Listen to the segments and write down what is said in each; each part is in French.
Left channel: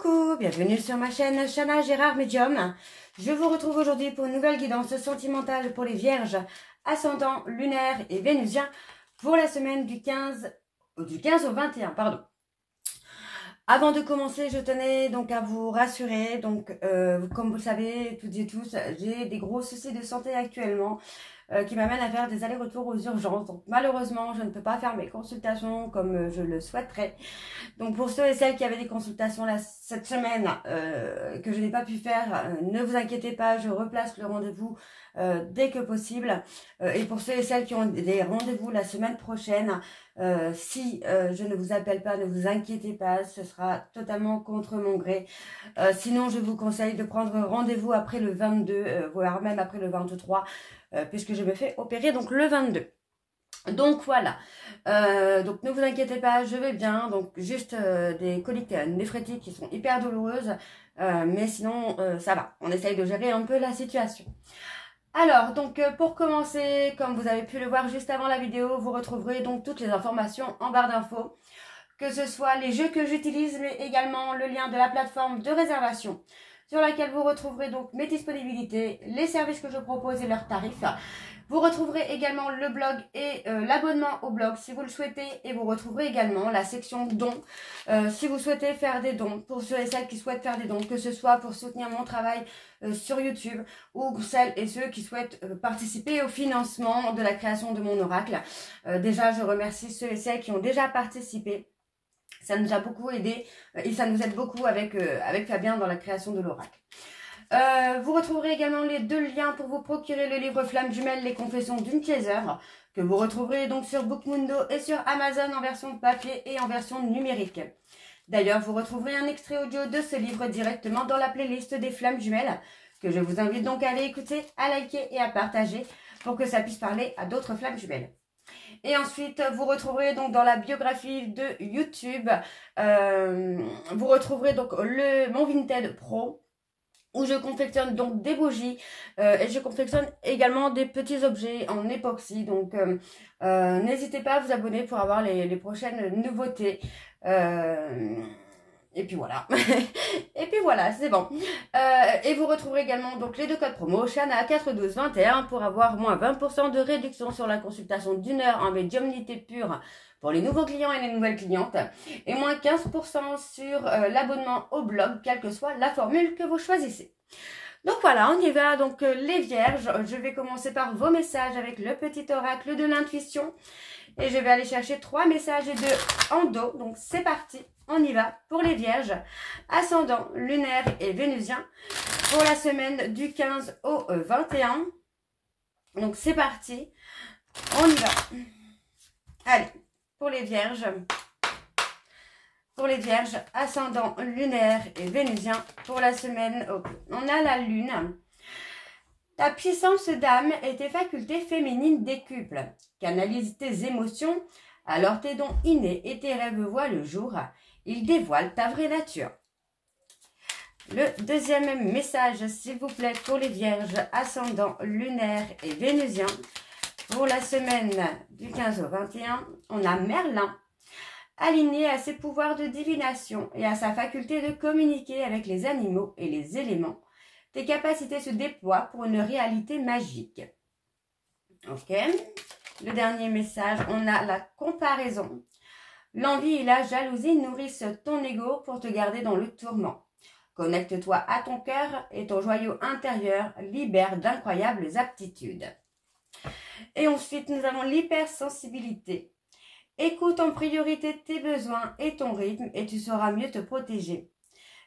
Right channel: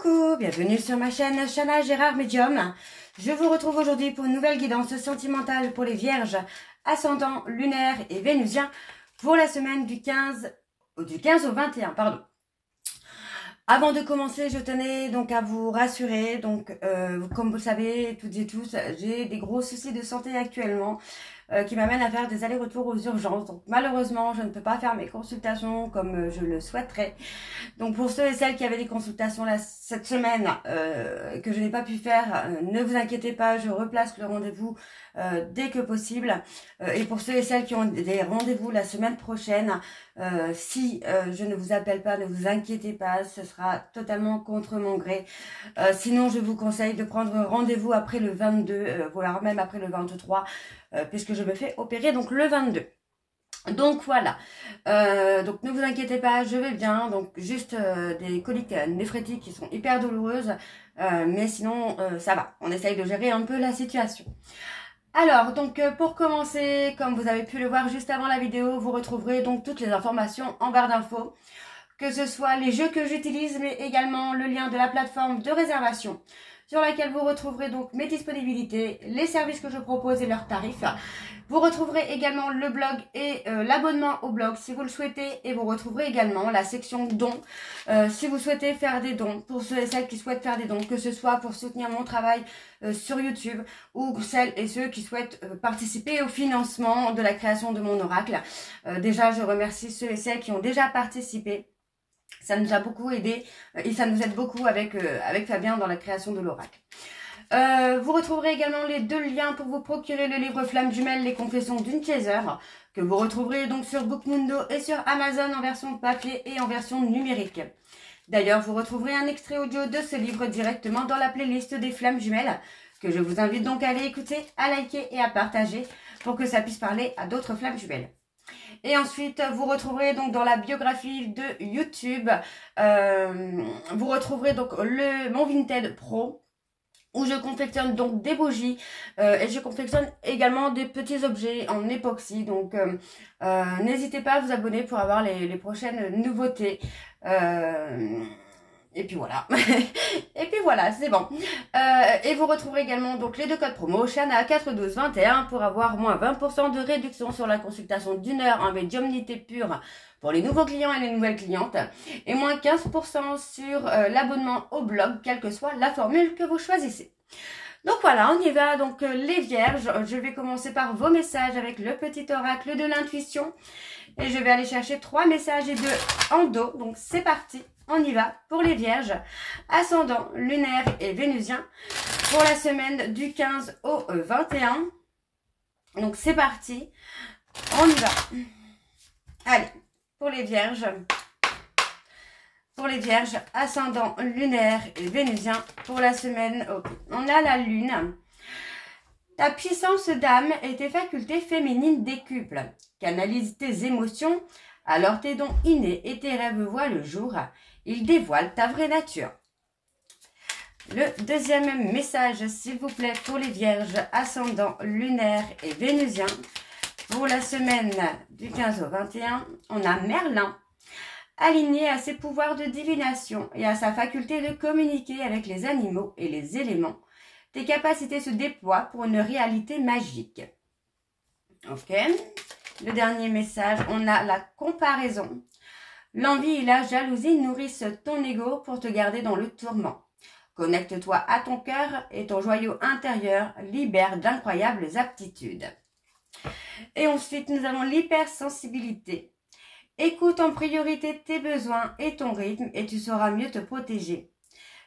Coucou, bienvenue sur ma chaîne Chana Gérard Médium. Je vous retrouve aujourd'hui pour une nouvelle guidance sentimentale pour les vierges, ascendant, lunaire et vénusien pour la semaine du 15 au 21, pardon. Avant de commencer, je tenais donc à vous rassurer. Donc, comme vous le savez, toutes et tous, j'ai des gros soucis de santé actuellement qui m'amènent à faire des allers-retours aux urgences. Donc, malheureusement, je ne peux pas faire mes consultations comme je le souhaiterais. Donc, pour ceux et celles qui avaient des consultations là, cette semaine que je n'ai pas pu faire, ne vous inquiétez pas, je replace le rendez-vous dès que possible. Et pour ceux et celles qui ont des rendez-vous la semaine prochaine, si je ne vous appelle pas, ne vous inquiétez pas, ce sera totalement contre mon gré. Sinon, je vous conseille de prendre rendez-vous après le 22, voire même après le 23, puisque je me fais opérer donc le 22. Donc voilà, donc ne vous inquiétez pas, je vais bien, donc juste des coliques néphrétiques qui sont hyper douloureuses, mais sinon ça va, on essaye de gérer un peu la situation. Alors, donc pour commencer, comme vous avez pu le voir juste avant la vidéo, vous retrouverez donc toutes les informations en barre d'infos, que ce soit les jeux que j'utilise, mais également le lien de la plateforme de réservation, sur laquelle vous retrouverez donc mes disponibilités, les services que je propose et leurs tarifs. Vous retrouverez également le blog et l'abonnement au blog si vous le souhaitez, et vous retrouverez également la section dons si vous souhaitez faire des dons, pour ceux et celles qui souhaitent faire des dons, que ce soit pour soutenir mon travail sur YouTube, ou celles et ceux qui souhaitent participer au financement de la création de mon oracle. Déjà, je remercie ceux et celles qui ont déjà participé. Ça nous a beaucoup aidé et ça nous aide beaucoup avec Fabien dans la création de l'oracle. Vous retrouverez également les deux liens pour vous procurer le livre Flamme Jumelle, les confessions d'une chaser, que vous retrouverez donc sur Bookmundo et sur Amazon en version papier et en version numérique. D'ailleurs, vous retrouverez un extrait audio de ce livre directement dans la playlist des Flammes Jumelles, que je vous invite donc à aller écouter, à liker et à partager pour que ça puisse parler à d'autres Flammes Jumelles. Et ensuite, vous retrouverez donc dans la biographie de YouTube, vous retrouverez donc mon Vinted Pro, où je confectionne donc des bougies et je confectionne également des petits objets en époxy. Donc, n'hésitez pas à vous abonner pour avoir les prochaines nouveautés. Et puis voilà. Et puis voilà, c'est bon. Et vous retrouverez également donc les deux codes promo Chana 41221 pour avoir moins 20% de réduction sur la consultation d'1 heure en médiumnité pure pour les nouveaux clients et les nouvelles clientes, et moins 15% sur l'abonnement au blog, quelle que soit la formule que vous choisissez. Donc voilà, on y va. Donc les vierges, je vais commencer par vos messages avec le petit oracle de l'intuition. Et je vais aller chercher 3 messages et 2 en dos. Donc c'est parti, on y va pour les vierges, ascendant, lunaire et vénusien, pour la semaine du 15 au 21. Donc c'est parti, on y va. Allez, pour les vierges, ascendant, lunaire et vénusien, pour la semaine, on a la lune. Ta puissance d'âme et tes facultés féminines décuplent. Canalise tes émotions, alors tes dons innés et tes rêves voient le jour. Ils dévoilent ta vraie nature. Le deuxième message, s'il vous plaît, pour les vierges, ascendant, lunaire et vénusien. Pour la semaine du 15 au 21, on a Merlin. Aligné à ses pouvoirs de divination et à sa faculté de communiquer avec les animaux et les éléments, tes capacités se déploient pour une réalité magique. Ok. Le dernier message, on a la comparaison. L'envie et la jalousie nourrissent ton ego pour te garder dans le tourment. Connecte-toi à ton cœur et ton joyau intérieur libère d'incroyables aptitudes. Et ensuite, nous avons l'hypersensibilité. Écoute en priorité tes besoins et ton rythme et tu sauras mieux te protéger.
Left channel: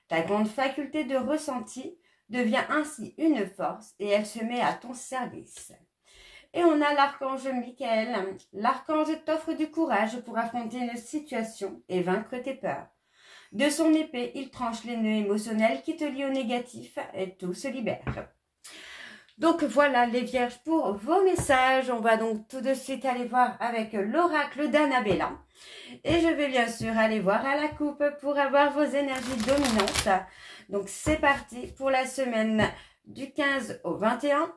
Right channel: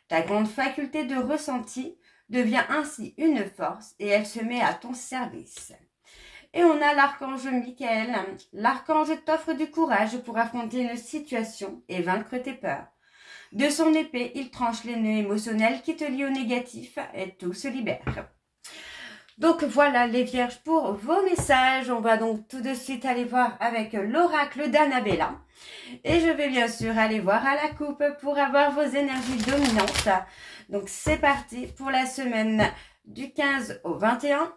Ta grande faculté de ressenti devient ainsi une force et elle se met à ton service. Et on a l'archange Michael. L'archange t'offre du courage pour affronter une situation et vaincre tes peurs. De son épée, il tranche les nœuds émotionnels qui te lient au négatif et tout se libère. Donc voilà les vierges pour vos messages. On va donc tout de suite aller voir avec l'oracle d'Annabella. Et je vais bien sûr aller voir à la coupe pour avoir vos énergies dominantes. Donc c'est parti pour la semaine du 15 au 21.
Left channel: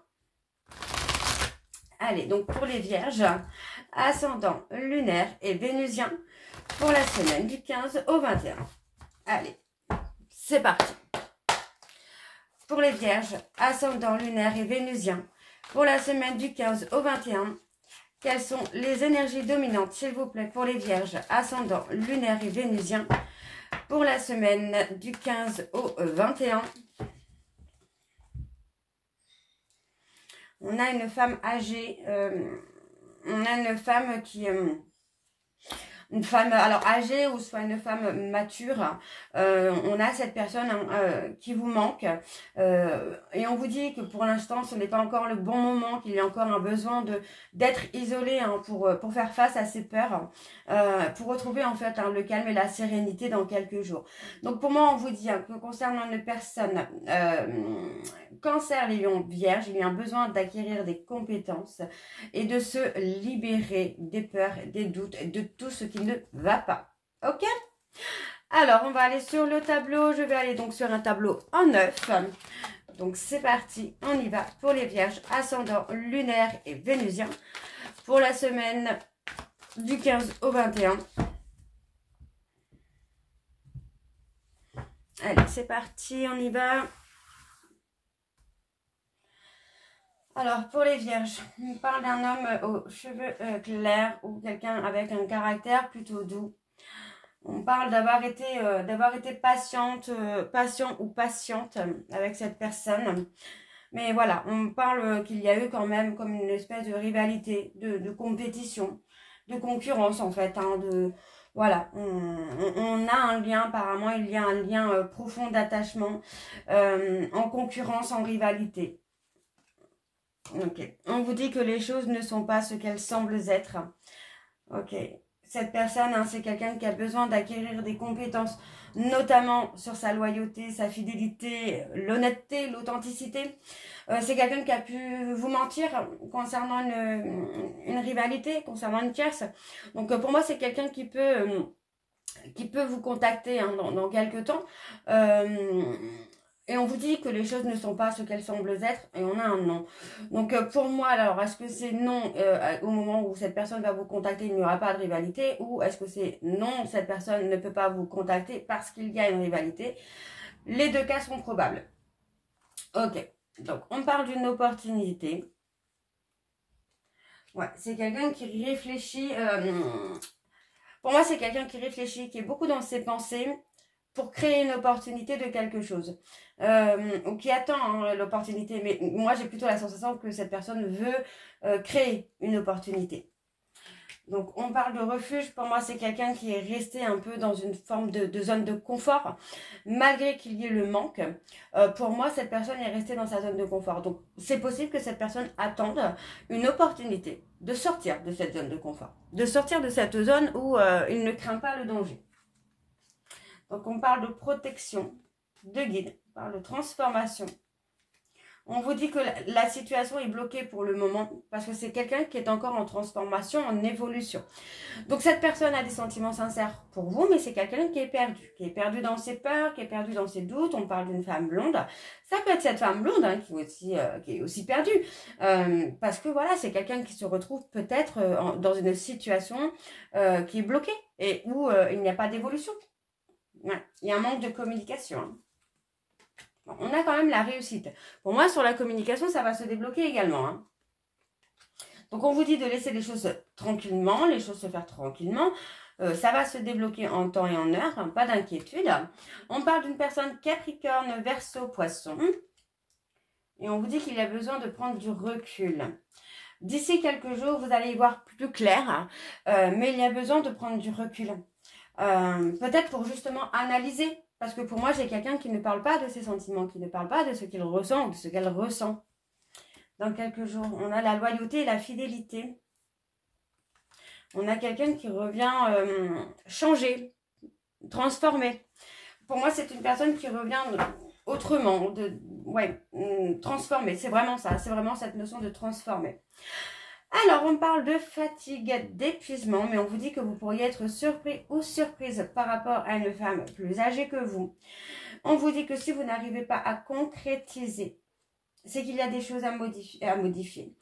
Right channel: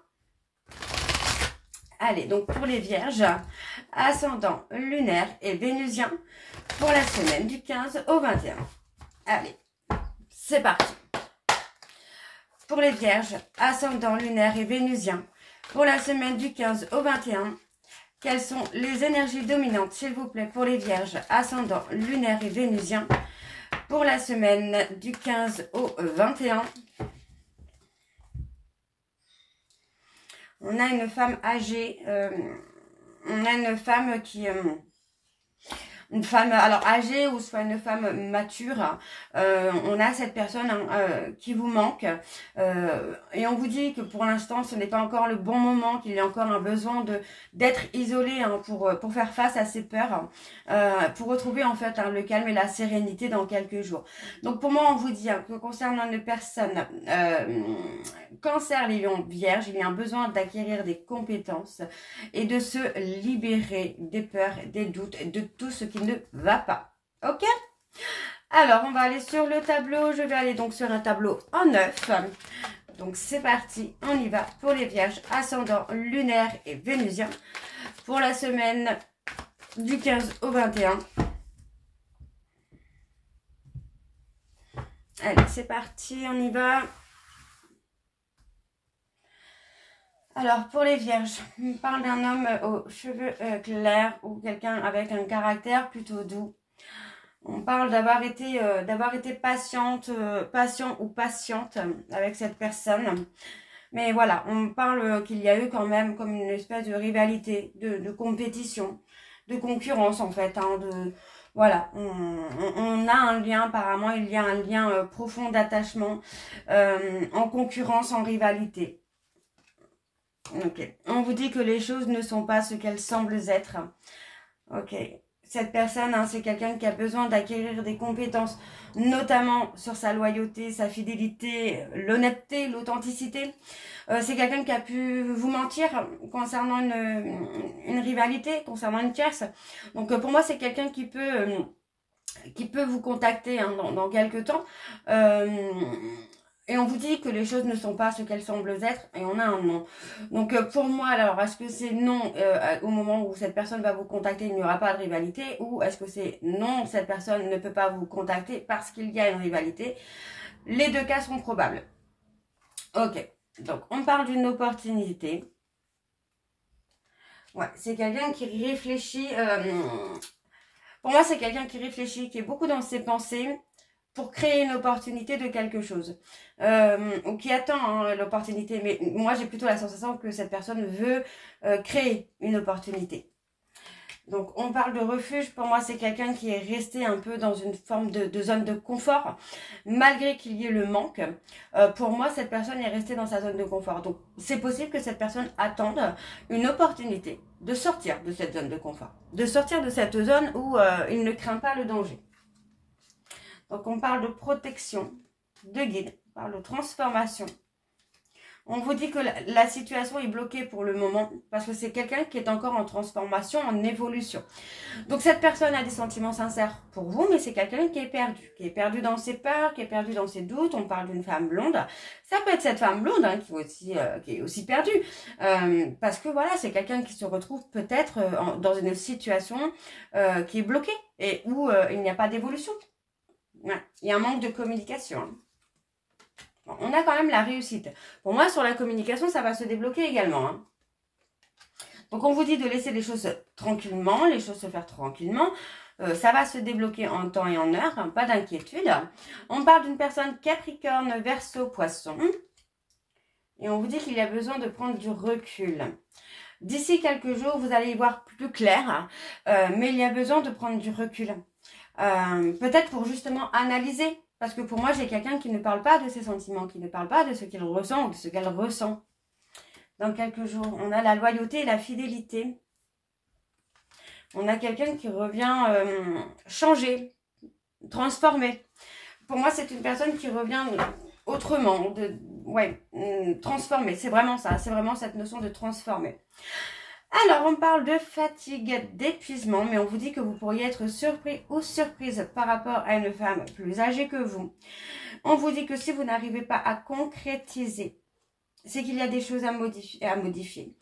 Allez, donc pour les vierges, ascendant, lunaire et vénusien, pour la semaine du 15 au 21. Allez, c'est parti. Pour les vierges, ascendant lunaire et vénusien, pour la semaine du 15 au 21, quelles sont les énergies dominantes, s'il vous plaît, pour les vierges, ascendant lunaire et vénusien, pour la semaine du 15 au 21. On a une femme âgée, on a une femme qui... une femme alors âgée ou soit une femme mature, on a cette personne qui vous manque, et on vous dit que pour l'instant ce n'est pas encore le bon moment, qu'il y a encore un besoin d'être isolé pour faire face à ces peurs, pour retrouver en fait le calme et la sérénité dans quelques jours. Donc pour moi on vous dit que concernant une personne Cancer, Lion, Vierge, il y a un besoin d'acquérir des compétences et de se libérer des peurs, des doutes, de tout ce qui ne va pas. Ok? Alors, on va aller sur le tableau. Je vais aller donc sur un tableau en 9. Donc, c'est parti. On y va pour les Vierges, ascendant lunaire et vénusien. Pour la semaine du 15 au 21. Allez, c'est parti. On y va. Alors, pour les vierges, on parle d'un homme aux cheveux clairs ou quelqu'un avec un caractère plutôt doux. On parle d'avoir été patient ou patiente avec cette personne. Mais voilà, on parle qu'il y a eu quand même comme une espèce de rivalité, de compétition, de concurrence en fait. Voilà, on a un lien, apparemment il y a un lien profond d'attachement, en concurrence, en rivalité. Ok, on vous dit que les choses ne sont pas ce qu'elles semblent être. Ok, cette personne, c'est quelqu'un qui a besoin d'acquérir des compétences, notamment sur sa loyauté, sa fidélité, l'honnêteté, l'authenticité. C'est quelqu'un qui a pu vous mentir concernant une rivalité, concernant une tierce. Donc pour moi, c'est quelqu'un qui peut vous contacter dans quelques temps. Et on vous dit que les choses ne sont pas ce qu'elles semblent être, et on a un non. Donc pour moi, alors, est-ce que c'est non au moment où cette personne va vous contacter, il n'y aura pas de rivalité, ou est-ce que c'est non, cette personne ne peut pas vous contacter parce qu'il y a une rivalité? Les deux cas sont probables. Ok, donc on parle d'une opportunité. Ouais, c'est quelqu'un qui réfléchit. Pour moi, c'est quelqu'un qui réfléchit, qui est beaucoup dans ses pensées, pour créer une opportunité de quelque chose, ou qui attend l'opportunité. Mais moi, j'ai plutôt la sensation que cette personne veut créer une opportunité. Donc, on parle de refuge. Pour moi, c'est quelqu'un qui est resté un peu dans une forme de zone de confort, malgré qu'il y ait le manque. Pour moi, cette personne est restée dans sa zone de confort. Donc, c'est possible que cette personne attende une opportunité de sortir de cette zone de confort, de sortir de cette zone où il ne craint pas le danger. Donc, on parle de protection, de guide, on parle de transformation. On vous dit que la situation est bloquée pour le moment parce que c'est quelqu'un qui est encore en transformation, en évolution. Donc, cette personne a des sentiments sincères pour vous, mais c'est quelqu'un qui est perdu dans ses peurs, qui est perdu dans ses doutes. On parle d'une femme blonde. Ça peut être cette femme blonde qui est aussi perdue parce que voilà, c'est quelqu'un qui se retrouve peut-être dans une situation qui est bloquée et où il n'y a pas d'évolution. Ouais, il y a un manque de communication. Bon, on a quand même la réussite. Pour moi, sur la communication, ça va se débloquer également. Donc, on vous dit de laisser les choses tranquillement, les choses se faire tranquillement. Ça va se débloquer en temps et en heure, pas d'inquiétude. On parle d'une personne Capricorne, Verseau, Poisson. Et on vous dit qu'il y a besoin de prendre du recul. D'ici quelques jours, vous allez y voir plus clair, mais il y a besoin de prendre du recul. Peut-être pour justement analyser, parce que pour moi j'ai quelqu'un qui ne parle pas de ses sentiments, qui ne parle pas de ce qu'il ressent ou de ce qu'elle ressent. Dans quelques jours, on a la loyauté et la fidélité. On a quelqu'un qui revient changer, transformer. Pour moi c'est une personne qui revient autrement, transformer. C'est vraiment ça, c'est vraiment cette notion de transformer. Alors, on parle de fatigue, d'épuisement, mais on vous dit que vous pourriez être surpris ou surprise par rapport à une femme plus âgée que vous. On vous dit que si vous n'arrivez pas à concrétiser c'est qu'il y a des choses à modifier.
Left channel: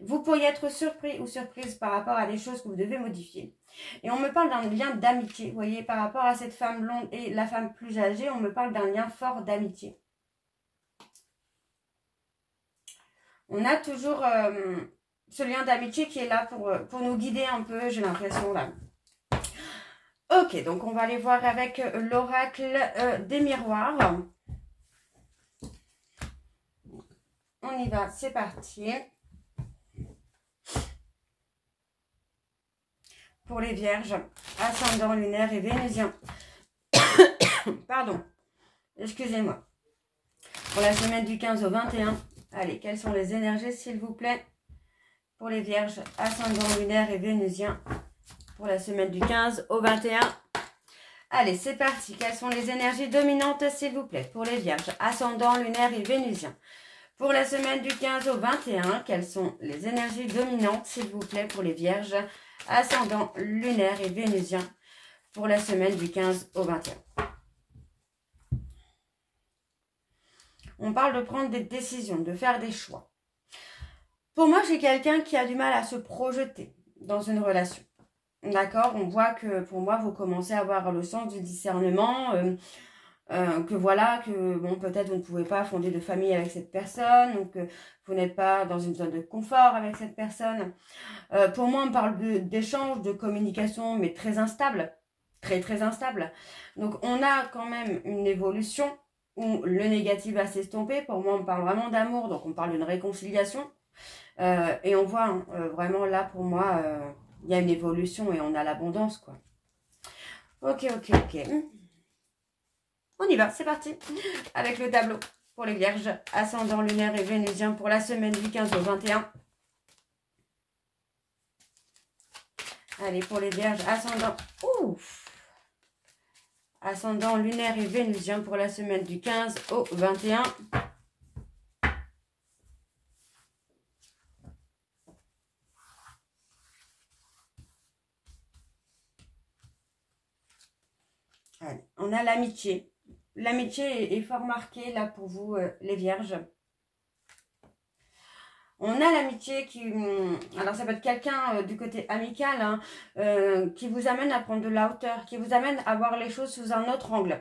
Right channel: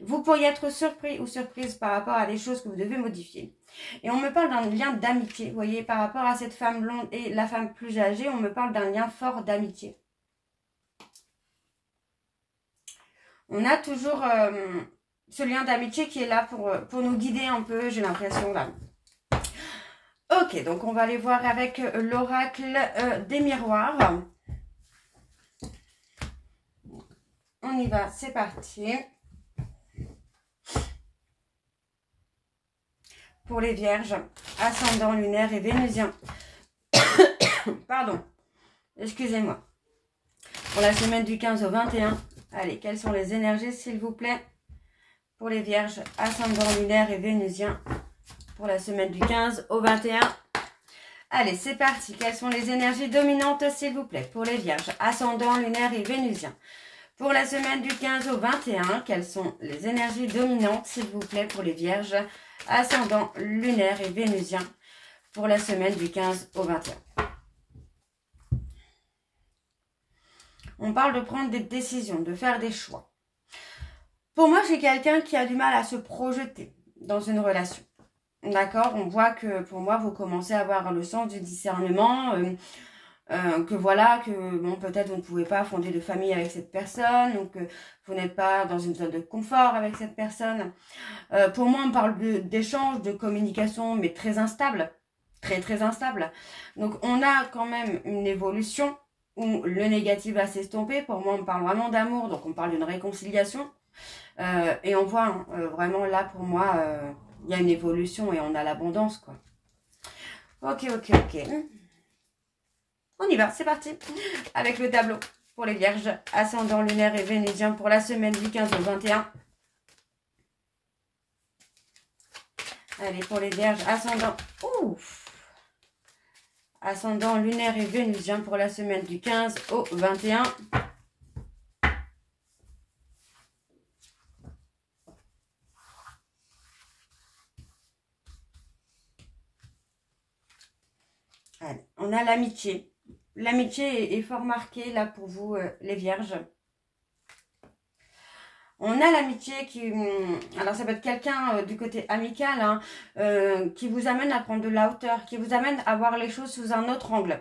Vous pourriez être surpris ou surprise par rapport à des choses que vous devez modifier. Et on me parle d'un lien d'amitié. Vous voyez, par rapport à cette femme blonde et la femme plus âgée, on me parle d'un lien fort d'amitié. On a toujours ce lien d'amitié qui est là pour nous guider un peu, j'ai l'impression là. Ok, donc on va aller voir avec l'oracle des miroirs. On y va, c'est parti. Pour les vierges, ascendant lunaire et vénusien. Pardon, excusez-moi. Pour la semaine du 15 au 21. Allez, quelles sont les énergies, s'il vous plaît? Pour les vierges, ascendant lunaire et vénusien. Pour la semaine du 15 au 21. Allez, c'est parti. Quelles sont les énergies dominantes, s'il vous plaît? Pour les vierges, ascendant lunaire et vénusien. Pour la semaine du 15 au 21, quelles sont les énergies dominantes, s'il vous plaît, pour les vierges, ascendant lunaire et vénusien, pour la semaine du 15 au 21. On parle de prendre des décisions, de faire des choix. Pour moi, j'ai quelqu'un qui a du mal à se projeter dans une relation. D'accord? On voit que pour moi, vous commencez à avoir le sens du discernement, que voilà, que bon, peut-être vous ne pouvez pas fonder de famille avec cette personne, donc vous n'êtes pas dans une zone de confort avec cette personne. Pour moi, on parle d'échange, de communication, mais très instable, très instable. Donc, on a quand même une évolution où le négatif va s'estomper. Pour moi, on parle vraiment d'amour, donc on parle d'une réconciliation. Et on voit hein, vraiment là, pour moi, il y a une évolution et on a l'abondance, quoi. Ok. On y va, c'est parti. Avec le tableau pour les vierges, ascendant lunaire et vénusien pour la semaine du 15 au 21. Allez, pour les vierges, ascendant lunaire et vénusien pour la semaine du 15 au 21. Allez, on a l'amitié. L'amitié est fort marquée là pour vous, les vierges. On a l'amitié qui... Alors, ça peut être quelqu'un du côté amical hein, qui vous amène à prendre de la hauteur, qui vous amène à voir les choses sous un autre angle.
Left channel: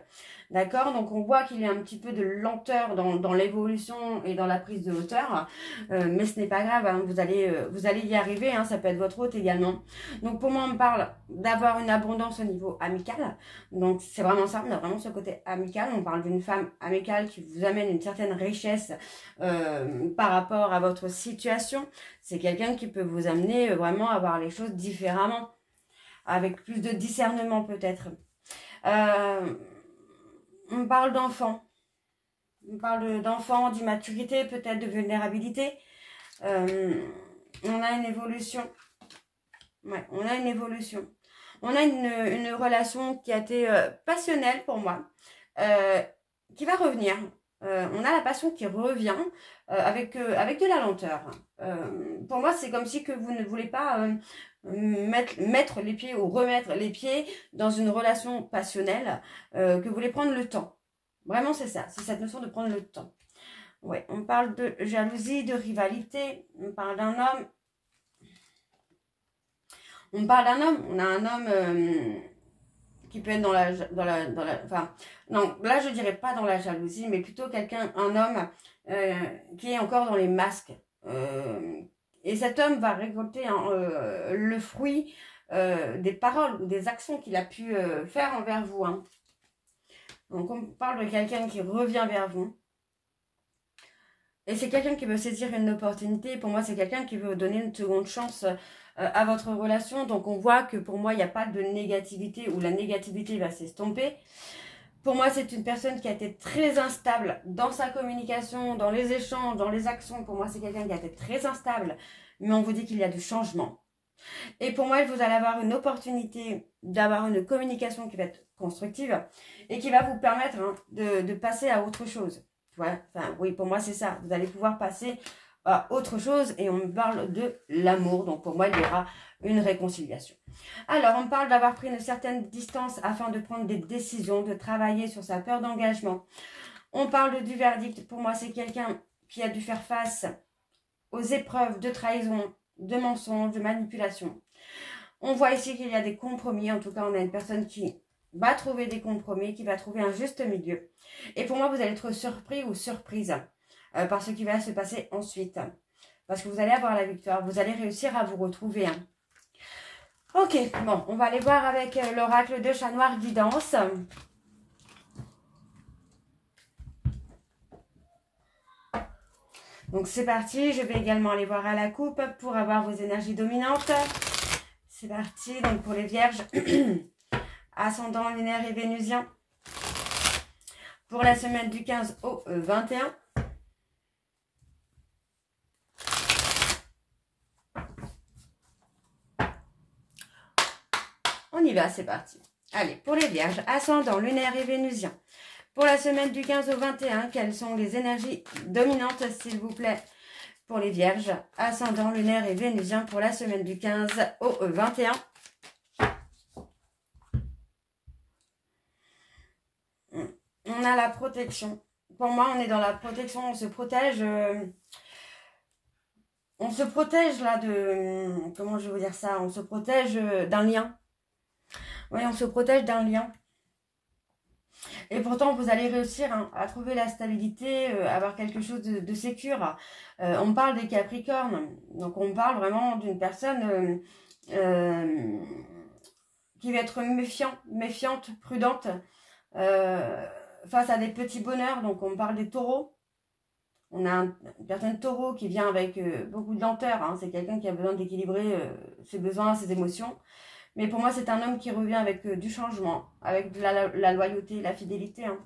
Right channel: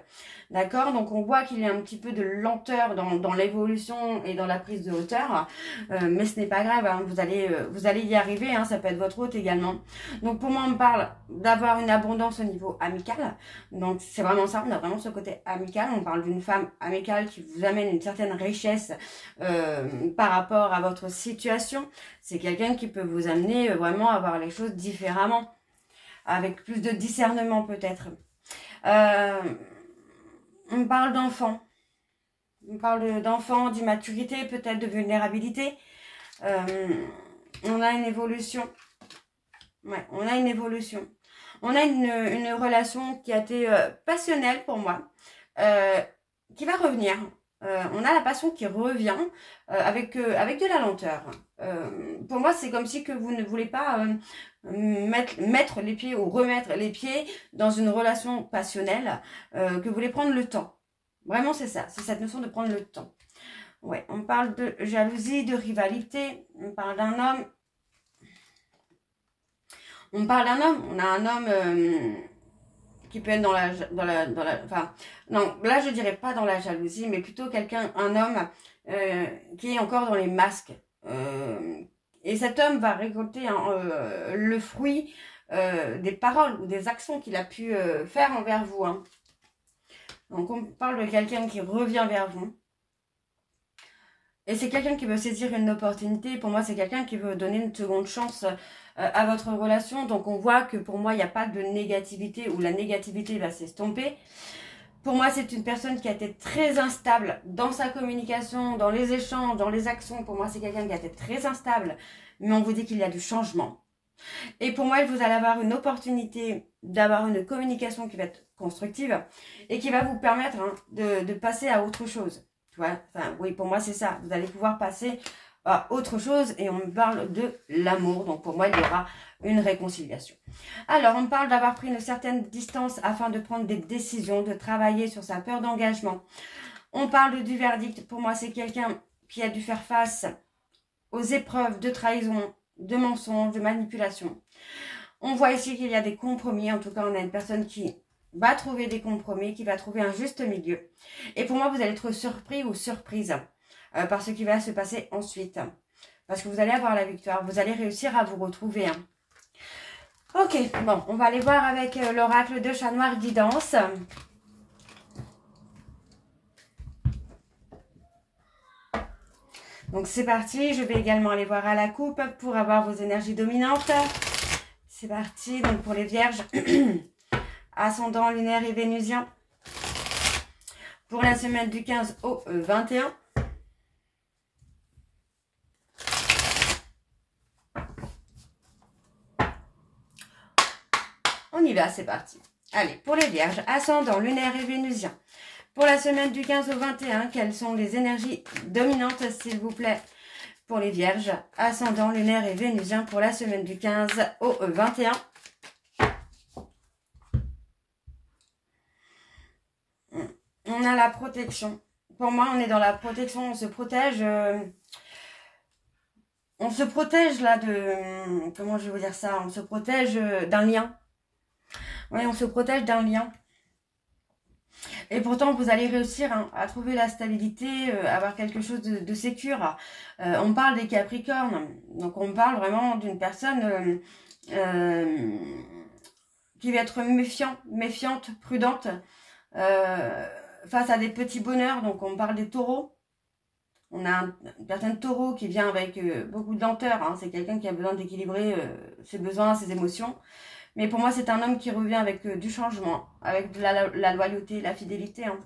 D'accord? Donc, on voit qu'il y a un petit peu de lenteur dans l'évolution et dans la prise de hauteur. Mais ce n'est pas grave, hein, vous allez y arriver. Hein, ça peut être votre hôte également. Donc, pour moi, on parle d'avoir une abondance au niveau amical. Donc, c'est vraiment ça. On a vraiment ce côté amical. On parle d'une femme amicale qui vous amène une certaine richesse par rapport à votre situation. C'est quelqu'un qui peut vous amener vraiment à voir les choses différemment. Avec plus de discernement peut-être. On parle d'enfants. On parle d'enfants, d'immaturité, peut-être de vulnérabilité. On a une évolution. Ouais, on a une évolution. On a une relation qui a été passionnelle pour moi. Qui va revenir. On a la passion qui revient avec de la lenteur. Pour moi, c'est comme si que vous ne voulez pas mettre les pieds ou remettre les pieds dans une relation passionnelle, que vous voulez prendre le temps. Vraiment, c'est ça. C'est cette notion de prendre le temps. Ouais, on parle de jalousie, de rivalité. On parle d'un homme. On parle d'un homme. On a un homme qui peut être enfin, non, là, je dirais pas dans la jalousie, mais plutôt un homme qui est encore dans les masques. Et cet homme va récolter le fruit des paroles ou des actions qu'il a pu faire envers vous. Hein. Donc, on parle de quelqu'un qui revient vers vous. Et c'est quelqu'un qui veut saisir une opportunité. Pour moi, c'est quelqu'un qui veut donner une seconde chance à votre relation. Donc, on voit que pour moi, il n'y a pas de négativité ou la négativité va s'estomper. Pour moi, c'est une personne qui a été très instable dans sa communication, dans les échanges, dans les actions. Pour moi, c'est quelqu'un qui a été très instable, mais on vous dit qu'il y a du changement. Et pour moi, vous allez avoir une opportunité d'avoir une communication qui va être constructive et qui va vous permettre hein, de passer à autre chose. Tu vois, enfin, oui, pour moi, c'est ça. Vous allez pouvoir passer à autre chose et on me parle de l'amour. Donc, pour moi, il y aura une réconciliation. Alors, on parle d'avoir pris une certaine distance afin de prendre des décisions, de travailler sur sa peur d'engagement. On parle du verdict. Pour moi, c'est quelqu'un qui a dû faire face aux épreuves de trahison, de mensonges, de manipulation. On voit ici qu'il y a des compromis. En tout cas, on a une personne qui va trouver des compromis, qui va trouver un juste milieu. Et pour moi, vous allez être surpris ou surprise par ce qui va se passer ensuite. Parce que vous allez avoir la victoire. Vous allez réussir à vous retrouver. Ok, bon, on va aller voir avec l'oracle de Chat Noir Guidance. Donc c'est parti, je vais également aller voir à la coupe pour avoir vos énergies dominantes. C'est parti, donc pour les vierges, ascendant lunaire et vénusien. Pour la semaine du 15 au 21. On y va, c'est parti. Allez, pour les vierges, ascendant lunaire et vénusien. Pour la semaine du 15 au 21, quelles sont les énergies dominantes, s'il vous plaît, pour les vierges, ascendant lunaire et vénusien pour la semaine du 15 au 21. On a la protection. Pour moi, on est dans la protection, on se protège. On se protège là de... Comment je vais vous dire ça? On se protège d'un lien. Oui, on se protège d'un lien. Et pourtant, vous allez réussir à trouver la stabilité, avoir quelque chose de sécure. On parle des Capricornes. Donc, on parle vraiment d'une personne qui va être méfiante, prudente, face à des petits bonheurs. Donc, on parle des taureaux. On a une personne taureau qui vient avec beaucoup de lenteur. Hein. C'est quelqu'un qui a besoin d'équilibrer ses besoins, ses émotions. Mais pour moi, c'est un homme qui revient avec du changement, avec de la loyauté, la fidélité. Hein.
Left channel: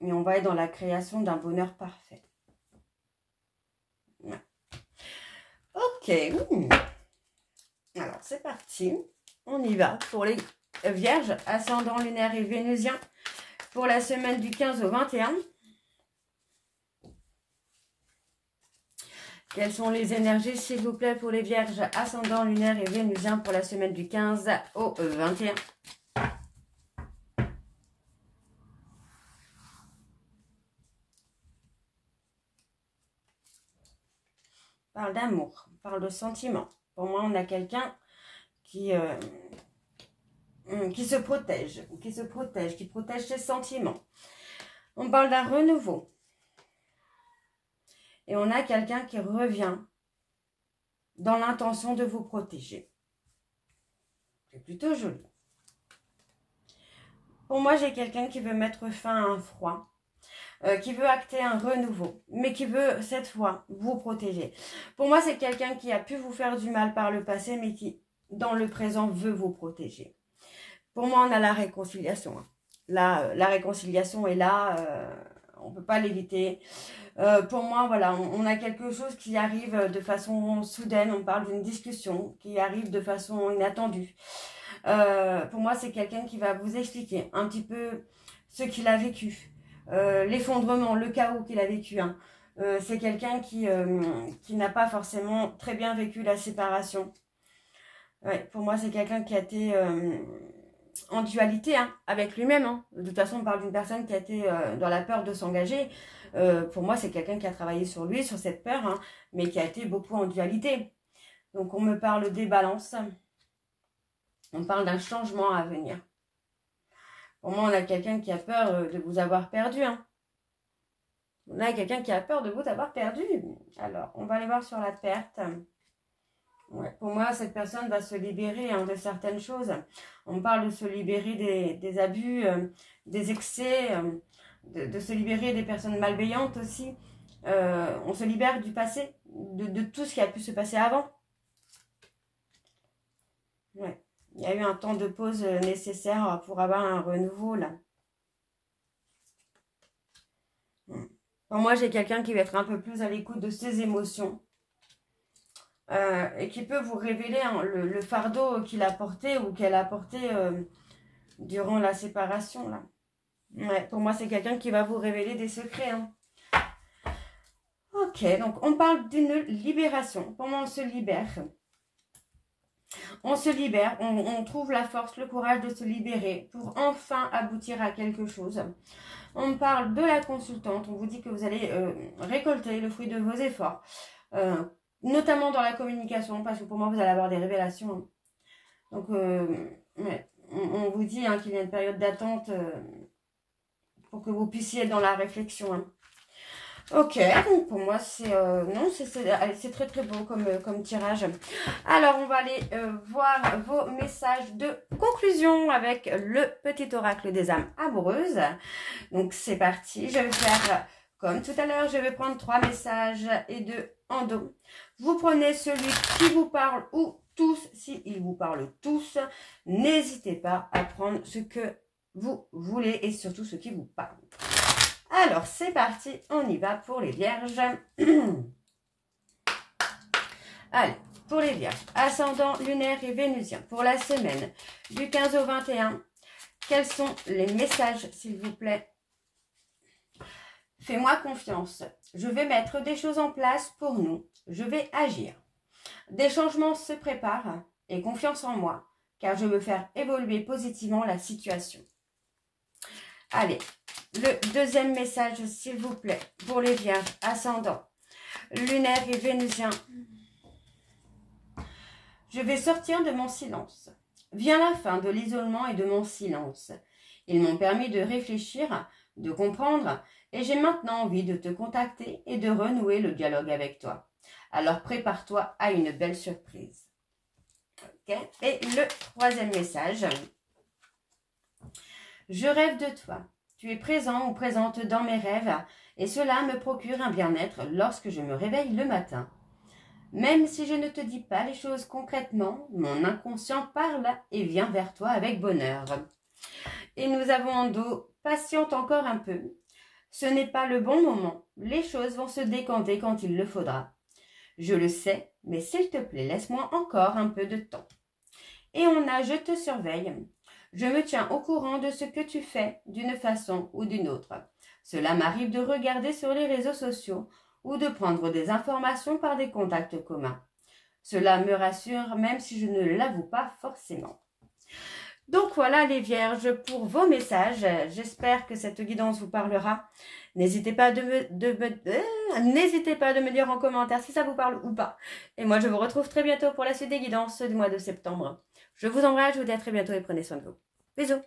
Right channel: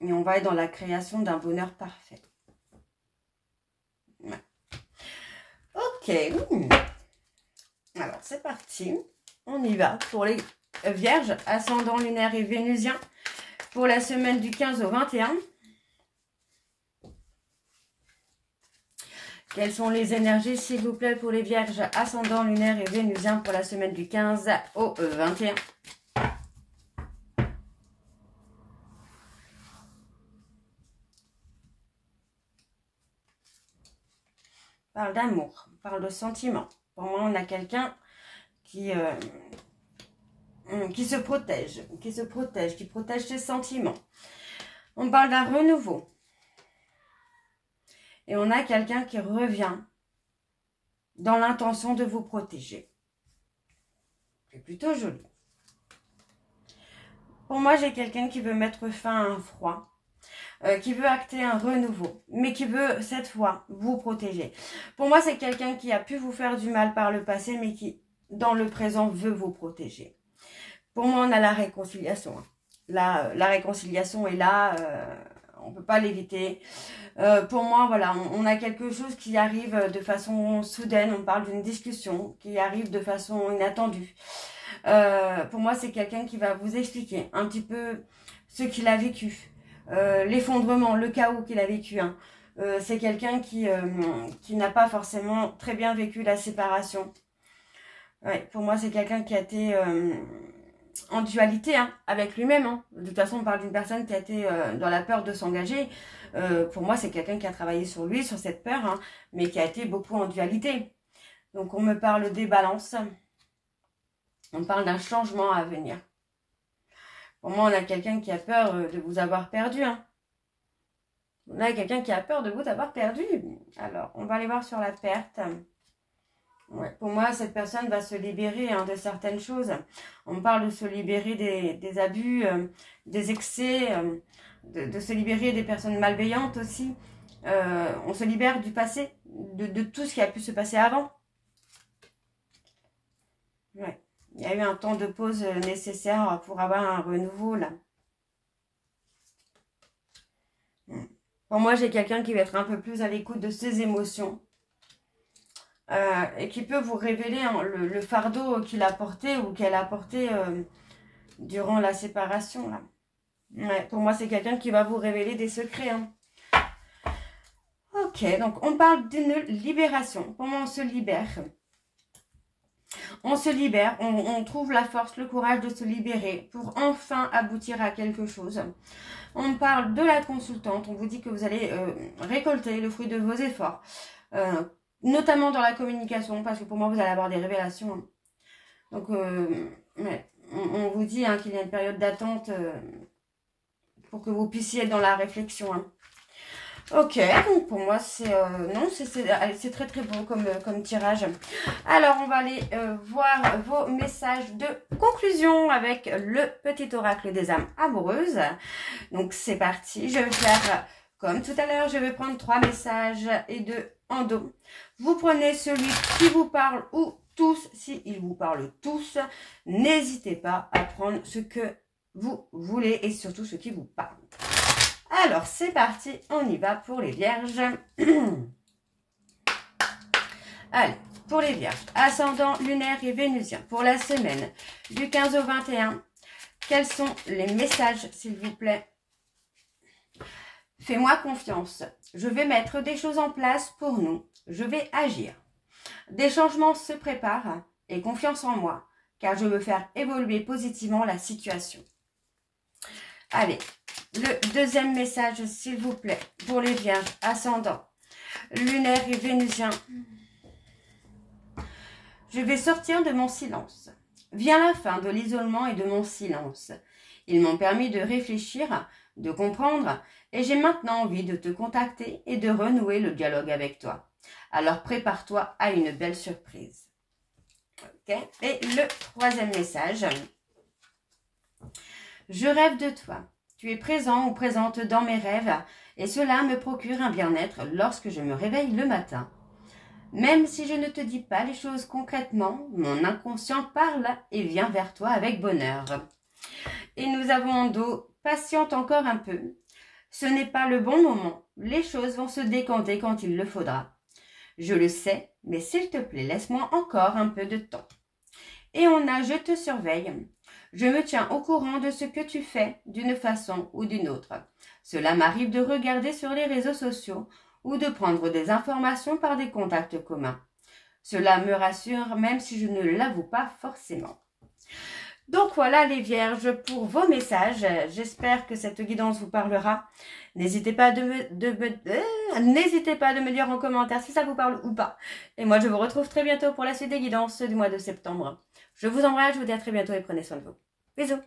Et on va être dans la création d'un bonheur parfait. Ouais. Ok. Alors, c'est parti. On y va pour les vierges, ascendant lunaire et vénusien. Pour la semaine du 15 au 21. Quelles sont les énergies, s'il vous plaît, pour les vierges, ascendant lunaire et vénusien pour la semaine du 15 au 21? On parle d'amour, on parle de sentiments. Pour moi, on a quelqu'un qui se protège, qui protège ses sentiments. On parle d'un renouveau. Et on a quelqu'un qui revient dans l'intention de vous protéger. C'est plutôt joli. Pour moi, j'ai quelqu'un qui veut mettre fin à un froid, qui veut acter un renouveau, mais qui veut, cette fois, vous protéger. Pour moi, c'est quelqu'un qui a pu vous faire du mal par le passé, mais qui, dans le présent, veut vous protéger. Pour moi, on a la réconciliation. La réconciliation est là, on ne peut pas l'éviter. Pour moi, voilà, on a quelque chose qui arrive de façon soudaine. On parle d'une discussion qui arrive de façon inattendue. Pour moi, c'est quelqu'un qui va vous expliquer un petit peu ce qu'il a vécu. L'effondrement, le chaos qu'il a vécu. Hein. C'est quelqu'un qui n'a pas forcément très bien vécu la séparation. Ouais, pour moi, c'est quelqu'un qui a été en dualité hein, avec lui-même. Hein. De toute façon, on parle d'une personne qui a été dans la peur de s'engager. Pour moi, c'est quelqu'un qui a travaillé sur lui, sur cette peur, hein, mais qui a été beaucoup en dualité. Donc, on me parle des balances. On parle d'un changement à venir. Pour moi, on a quelqu'un qui a peur de vous avoir perdu. Hein. On a quelqu'un qui a peur de vous avoir perdu. Alors, on va aller voir sur la perte. Ouais, pour moi, cette personne va se libérer hein, de certaines choses. On parle de se libérer des abus, des excès, de se libérer des personnes malveillantes aussi. On se libère du passé, de tout ce qui a pu se passer avant. Ouais. Il y a eu un temps de pause nécessaire pour avoir un renouveau là. Pour moi, j'ai quelqu'un qui va être un peu plus à l'écoute de ses émotions. Et qui peut vous révéler hein, le fardeau qu'il a porté ou qu'elle a porté durant la séparation. Là. Ouais, pour moi, c'est quelqu'un qui va vous révéler des secrets. Hein. Ok, donc on parle d'une libération. Pour moi, on se libère. On se libère, on trouve la force, le courage de se libérer pour enfin aboutir à quelque chose. On me parle de la consultante. On vous dit que vous allez récolter le fruit de vos efforts. Notamment dans la communication, parce que pour moi, vous allez avoir des révélations. Donc, ouais, on vous dit qu'il y a une période d'attente pour que vous puissiez être dans la réflexion. Ok, donc pour moi, c'est très très bon comme tirage. Alors, on va aller voir vos messages de conclusion avec le petit oracle des âmes amoureuses. Donc, c'est parti. Je vais faire comme tout à l'heure. Je vais prendre 3 messages et 2 en dos. Vous prenez celui qui vous parle ou tous, s'ils vous parlent tous. N'hésitez pas à prendre ce que vous voulez et surtout ce qui vous parle. Alors, c'est parti, on y va pour les vierges. Allez, pour les vierges, ascendant lunaire et vénusien, pour la semaine du 15 au 21, quels sont les messages, s'il vous plaît? Fais-moi confiance. Je vais mettre des choses en place pour nous. Je vais agir. Des changements se préparent et confiance en moi, car je veux faire évoluer positivement la situation. Allez, le deuxième message, s'il vous plaît, pour les vierges, ascendant, lunaire et vénusien. Je vais sortir de mon silence. Vient la fin de l'isolement et de mon silence. Ils m'ont permis de réfléchir, de comprendre, et j'ai maintenant envie de te contacter et de renouer le dialogue avec toi. Alors prépare-toi à une belle surprise. Okay. Et le troisième message. Je rêve de toi. Tu es présent ou présente dans mes rêves et cela me procure un bien-être lorsque je me réveille le matin. Même si je ne te dis pas les choses concrètement, mon inconscient parle et vient vers toi avec bonheur. Et nous avons en dos, patiente encore un peu. Ce n'est pas le bon moment. Les choses vont se décanter quand il le faudra. Je le sais, mais s'il te plaît, laisse-moi encore un peu de temps. Et on a, je te surveille. Je me tiens au courant de ce que tu fais d'une façon ou d'une autre. Cela m'arrive de regarder sur les réseaux sociaux ou de prendre des informations par des contacts communs. Cela me rassure même si je ne l'avoue pas forcément. Donc voilà les vierges pour vos messages. J'espère que cette guidance vous parlera. N'hésitez pas de me dire en commentaire si ça vous parle ou pas. Et moi je vous retrouve très bientôt pour la suite des guidances du mois de septembre. Je vous embrasse, je vous dis à très bientôt et prenez soin de vous. Bisous.